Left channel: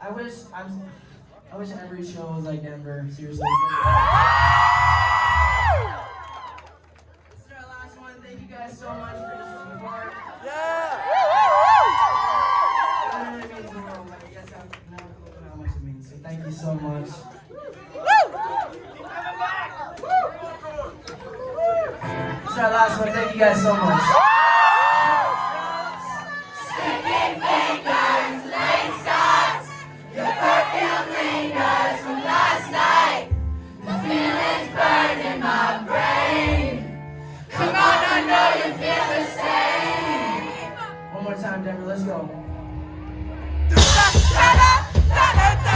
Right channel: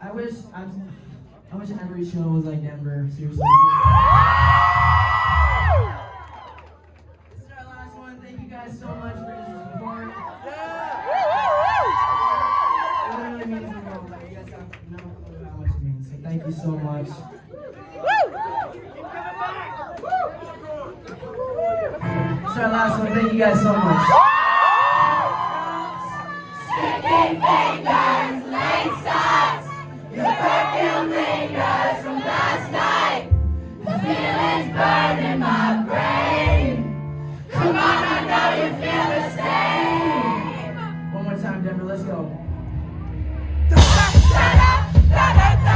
I wish I wish every show was like Denver. Seriously. This is our last one. Thank you guys so much for your support. It literally means the world. Like, you guys have no clue how much it means. So thank you so much. This is our last one. Thank you guys so much. Sticking fingers, late starts. Your perfume lingers from last night. The feelings burn in my brain. Come on, I know you feel the same. One more time, Denver. Let's go. Da da da da da.